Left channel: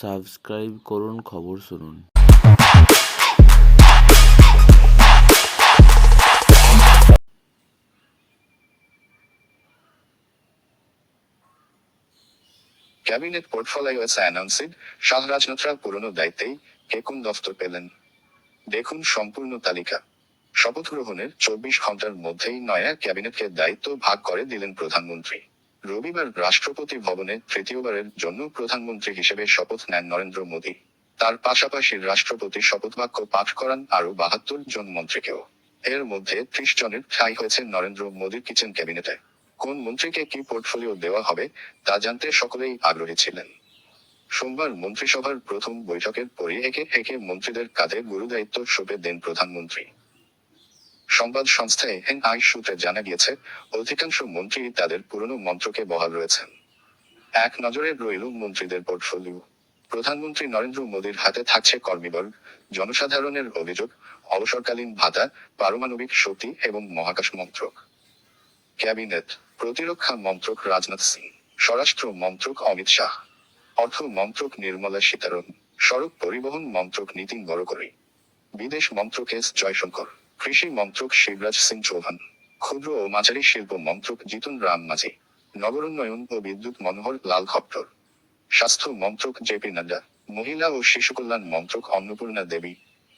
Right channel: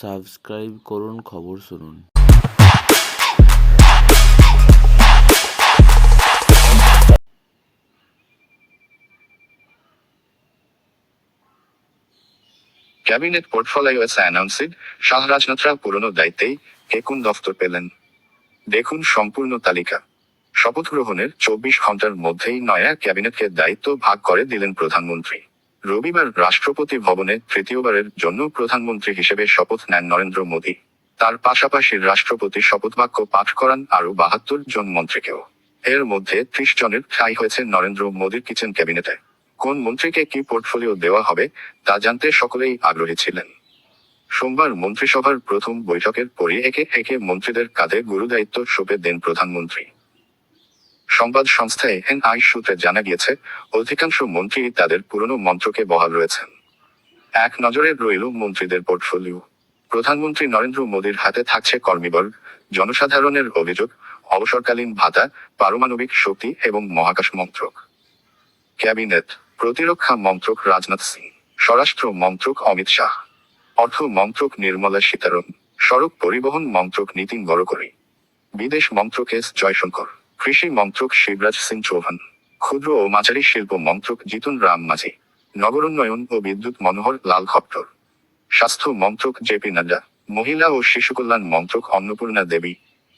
Subscribe করুন, খবর শুনুন। ক্যাবিনেট পোর্টফোলিও এস অ্যানাউন্সিড শাহরাজনাথরা পুরনো দায়িত্বেই কে কোন দফতর পেলেন। দেখুন সম্পূর্ণ তালিকা। শপথ গ্রহণের চব্বিশ ঘণ্টার মধ্যেই নয়া ক্যাবিনেটকে দায়িত্ব ভাগ করে দিলেন প্রধানমন্ত্রী। রবিবার রাষ্ট্রপতি ভবনে তৃতীয়বারের জন্য প্রধানমন্ত্রী হিসেবে শপথ নেন নরেন্দ্র মোদী। তার পাশাপাশি রাষ্ট্রপতি শপথ বাক্য পাঠ করান আরও বাহাত্তর জন মন্ত্রীকেও। এর মধ্যে ত্রিশ জনের ঠাঁই হয়েছে নরেন্দ্র মোদীর কিচেন ক্যাবিনেটে। কোন মন্ত্রীকে কি পোর্টফোলিও দেওয়া হবে, তা জানতে সকলেই আগ্রহী ছিলেন। সোমবার মন্ত্রিসভার প্রথম বৈঠকের পরে একে একে মন্ত্রীদের কাঁধে গুরুদায়িত্ব সঁপে দেন প্রধানমন্ত্রী। সংবাদ সংস্থা এনআই সূত্রে জানা গিয়েছে, অধিকাংশ মন্ত্রী তাদের পুরনো মন্ত্রকে বহাল রয়েছেন। এক নজরে রইল মন্ত্রীদের পোর্টফোলিও। প্রধানমন্ত্রী নরেন্দ্র মোদীর হাতে থাকছে কর্মীবল, জনসাধারণের অভিযোগ, অবসরকালীন ভাতা, পারমাণবিক শক্তি এবং মহাকাশ মন্ত্রক। ক্যাবিনেট, প্রতিরক্ষা মন্ত্রক রাজনাথ সিং, স্বরাষ্ট্র মন্ত্রক অমিত শাহ, অর্থ মন্ত্রক নির্মলা সীতারমন, সড়ক পরিবহন মন্ত্রক নীতিন গড়করি, বিদেশ মন্ত্রক এস জয়শঙ্কর। কৃষি মন্ত্রক শিবরাজ সিং চৌহান, ক্ষুদ্র ও মাঝারি শিল্প মন্ত্রক জিতুন রাম মাঝি নগরোন্নয়ন ও বিদ্যুৎ মনোহর লাল খপ্টর স্বাস্থ্য মন্ত্রক জেপি নাড্ডা, মহিলা ও শিশু কল্যাণ মন্ত্রক অন্নপূর্ণা দেবী,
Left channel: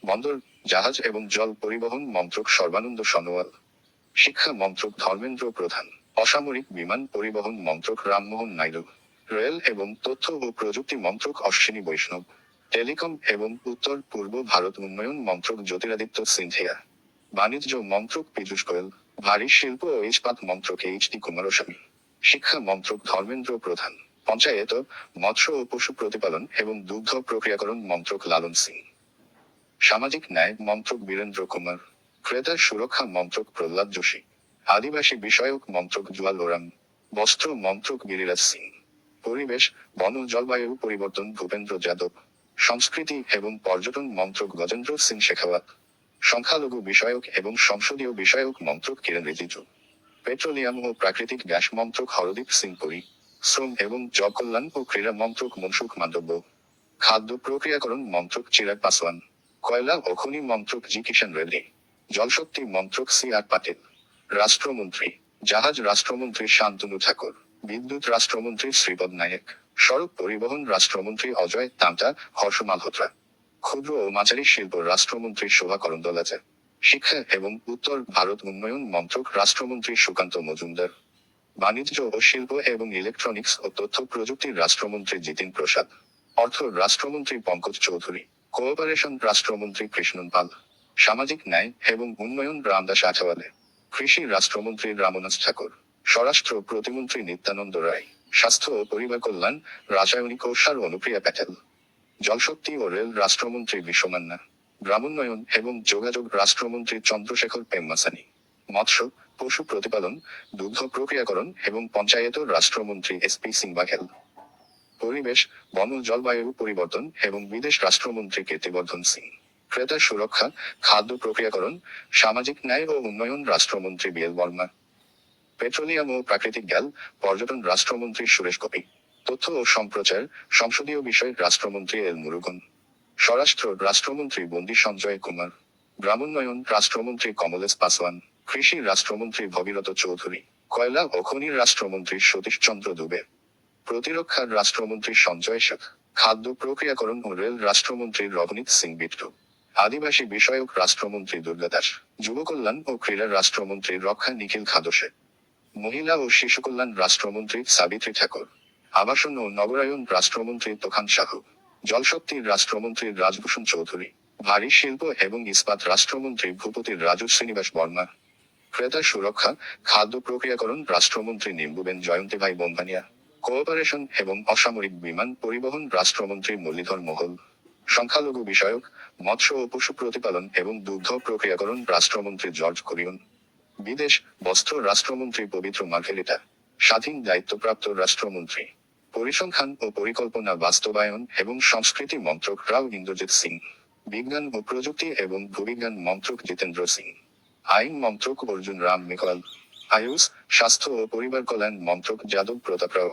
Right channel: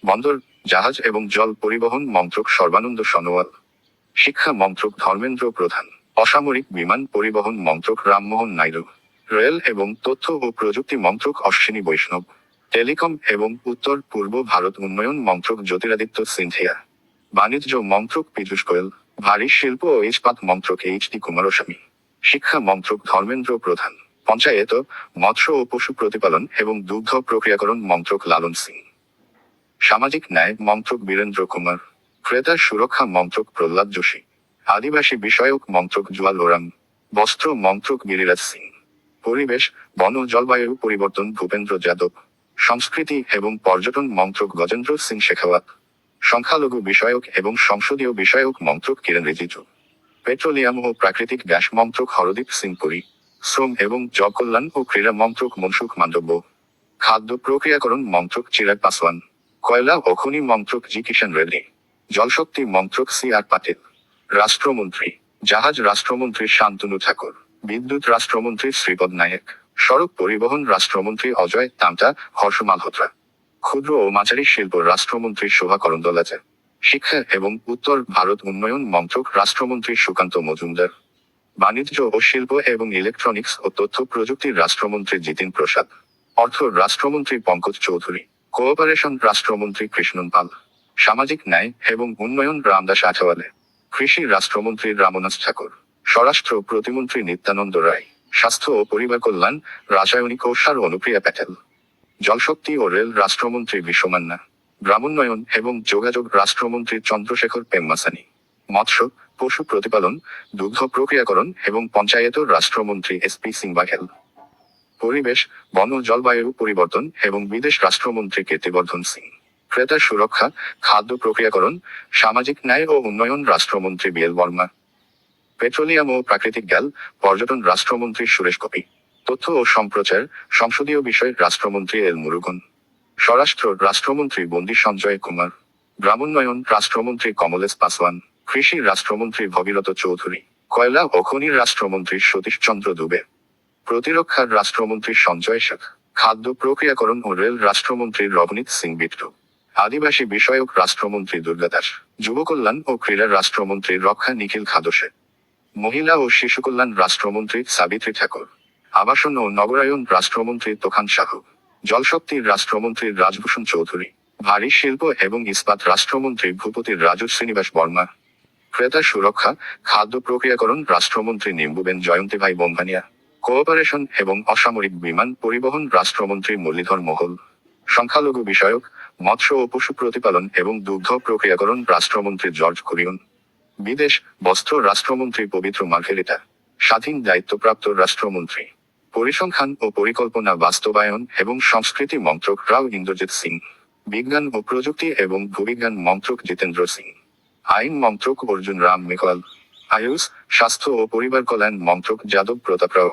বন্দর, জাহাজ এবং জল পরিবহন মন্ত্রক সর্বানন্দ সনোয়াল, শিক্ষা মন্ত্রক ধর্মেন্দ্র প্রধান, অসামরিক বিমান পরিবহন মন্ত্রক রামমোহন নাইডু, রেল এবং তথ্য ও প্রযুক্তি মন্ত্রক অশ্বিনী বৈষ্ণব, টেলিকম এবং উত্তর পূর্ব ভারত উন্নয়ন মন্ত্রক জ্যোতিরাদিত্য সিন্ধিয়া। বাণিজ্য মন্ত্রক পীযূষ গোয়েল, ভারী শিল্প ও ইস্পাত মন্ত্রক এইচ ডি কুমারস্বামী, শিক্ষা মন্ত্রক ধর্মেন্দ্র প্রধান, পঞ্চায়েত, মৎস্য ও পশু প্রতিপালন এবং দুগ্ধ প্রক্রিয়াকরণ মন্ত্রক লালন সিং। সামাজিক ন্যায় মন্ত্রক বীরেন্দ্র কুমার, ক্রেতা সুরক্ষা মন্ত্রক প্রহ্লাদ যোশী, আদিবাসী বিষয়ক মন্ত্রক জুয়াল ওরাম বস্ত্র মন্ত্রক গিরিরাজ সিং, পরিবেশ, বন জলবায়ু পরিবর্তন ভূপেন্দ্র যাদব, সংস্কৃতি এবং পর্যটন মন্ত্রক গজেন্দ্র সিং শেখাওয়াত সংখ্যালঘু বিষয়ক এবং সংসদীয় বিষয়ক মন্ত্রক কিরেন রিজিজু পেট্রোলিয়াম ও প্রাকৃতিক গ্যাস মন্ত্রক হরদীপ সিং পুরী, শ্রম এবং জকল্যাণ ও ক্রীড়া মন্ত্রক মনসুখ মান্ডব্য খাদ্য প্রক্রিয়াকরণ মন্ত্রক চিরাগ পাসওয়ান, কয়লা ও খনি মন্ত্রক জি কিষাণ রেড্ডি জলশক্তি মন্ত্রক সি আর পাটিল। রাষ্ট্রমন্ত্রী, জাহাজ রাষ্ট্রমন্ত্রী শান্তনু ঠাকুর, বিদ্যুৎ রাষ্ট্রমন্ত্রী শ্রীপদ নায়েক, সড়ক পরিবহন রাষ্ট্রমন্ত্রী অজয় তামটা হর্ষ মালহোত্রা। ক্ষুদ্র ও মাঝারি শিল্প রাষ্ট্রমন্ত্রী শোভা করন্দলাজে শিক্ষা এবং উত্তর ভারত উন্নয়ন মন্ত্রক রাষ্ট্রমন্ত্রী সুকান্ত মজুমদার। বাণিজ্য ও শিল্প এবং ইলেকট্রনিক্স ও তথ্য প্রযুক্তির রাষ্ট্রমন্ত্রী জিতিন প্রসাদ। অর্থ রাষ্ট্রমন্ত্রী পঙ্কজ চৌধুরী। কোঅপারেশন রাষ্ট্রমন্ত্রী কৃষ্ণন পাল। সামাজিক ন্যায় এবং উন্নয়ন রামদাস আঠাওয়ালে। কৃষি রাষ্ট্রমন্ত্রী রামনাথ ঠাকুর। স্বরাষ্ট্র প্রতিমন্ত্রী নিত্যানন্দ রায়। স্বাস্থ্য ও পরিবার কল্যাণ, রাসায়নিক ও সার অনুপ্রিয়া প্যাটেল। জলশক্তি ও রেল রাষ্ট্রমন্ত্রী বিশ্বমান্না, গ্রামোন্নয়ন এবং যোগাযোগ রাষ্ট্রমন্ত্রী চন্দ্রশেখর পেম্মাসানি, মৎস্য, পশু প্রতিপালন, দুগ্ধ প্রক্রিয়াকরণ এবং পঞ্চায়েত রাষ্ট্রমন্ত্রী এস পি সিং বাঘেল পরিবেশ, বন জলবায়ু পরিবর্তন এবং বিদেশ রাষ্ট্রমন্ত্রী কীর্তিবর্ধন সিং, ক্রেতা সুরক্ষা, খাদ্য প্রক্রিয়াকরণ, সামাজিক ন্যায় ও উন্নয়ন রাষ্ট্রমন্ত্রী বিএল বর্মা, পেট্রোলিয়াম ও প্রাকৃতিক গ্যাল, পর্যটন রাষ্ট্রমন্ত্রী সুরেশ গোপী। তথ্য ও সম্প্রচার সংসদীয় বিষয় রাষ্ট্রমন্ত্রী এল মুরুগন, স্বরাষ্ট্র রাষ্ট্রমন্ত্রী বন্দি সঞ্জয় কুমার, গ্রামোন্নয়ন রাষ্ট্রমন্ত্রী কমলেশ পাসওয়ান, কৃষি রাষ্ট্রমন্ত্রী ভগীরথ চৌধুরী, কয়লা ও খনির রাষ্ট্রমন্ত্রী সতীশ চন্দ্র দুবে, প্রতিরক্ষার রাষ্ট্রমন্ত্রী সঞ্জয় শেখ, খাদ্য প্রক্রিয়াকরণ ও রেল রাষ্ট্রমন্ত্রী রবনীত সিং বিট্টু, আদিবাসী বিষয়ক রাষ্ট্রমন্ত্রী দুর্গা দাস, যুব কল্যাণ ও ক্রীড়া রাষ্ট্রমন্ত্রী রক্ষা নিখিল খাদসে, মহিলা ও শিশু কল্যাণ রাষ্ট্রমন্ত্রী সাবিত্রী ঠাকুর। আবাসন ও নগরায়ন রাষ্ট্রমন্ত্রী তোখান সাহু জলশক্তির রাষ্ট্রমন্ত্রী রাজভূষণ চৌধুরী, ভারী শিল্প এবং ইস্পাত রাষ্ট্রমন্ত্রী ভূপতির রাজু শ্রীনিবাস বর্মা, ক্রেতা সুরক্ষা, খাদ্য প্রক্রিয়াকরণ রাষ্ট্রমন্ত্রী নিম্বুবেন জয়ন্তীভাই বোম্বানিয়া কোঅপারেশন এবং অসামরিক বিমান পরিবহন রাষ্ট্রমন্ত্রী মুরলীধর মোহল সংখ্যালঘু বিষয়ক, মৎস্য ও পশু প্রতিপালন এবং দুগ্ধ প্রক্রিয়াকরণ রাষ্ট্রমন্ত্রী জর্জ কুরিয়ন, বিদেশ বস্ত্র রাষ্ট্রমন্ত্রী পবিত্র মার্ঘেরিটা, স্বাধীন দায়িত্বপ্রাপ্ত রাষ্ট্রমন্ত্রী পরিসংখ্যান ও পরিকল্পনা বাস্তবায়ন এবং সংস্কৃতি মন্ত্রক রাও ইন্দ্রজিৎ সিং, বিজ্ঞান ও প্রযুক্তি এবং ভূবিজ্ঞান মন্ত্রক জিতেন্দ্র সিং, আইন মন্ত্রক অর্জুন রাম মেঘওয়াল, আয়ুষ, স্বাস্থ্য ও পরিবার কল্যাণ মন্ত্রক যাদব প্রতাপ রাও,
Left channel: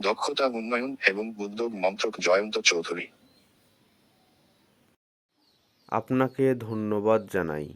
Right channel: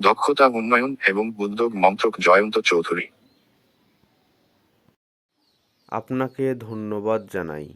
দক্ষতা উন্নয়ন এবং উদ্যোগ মন্ত্রক জয়ন্ত চৌধুরী। আপনাকে ধন্যবাদ জানাই।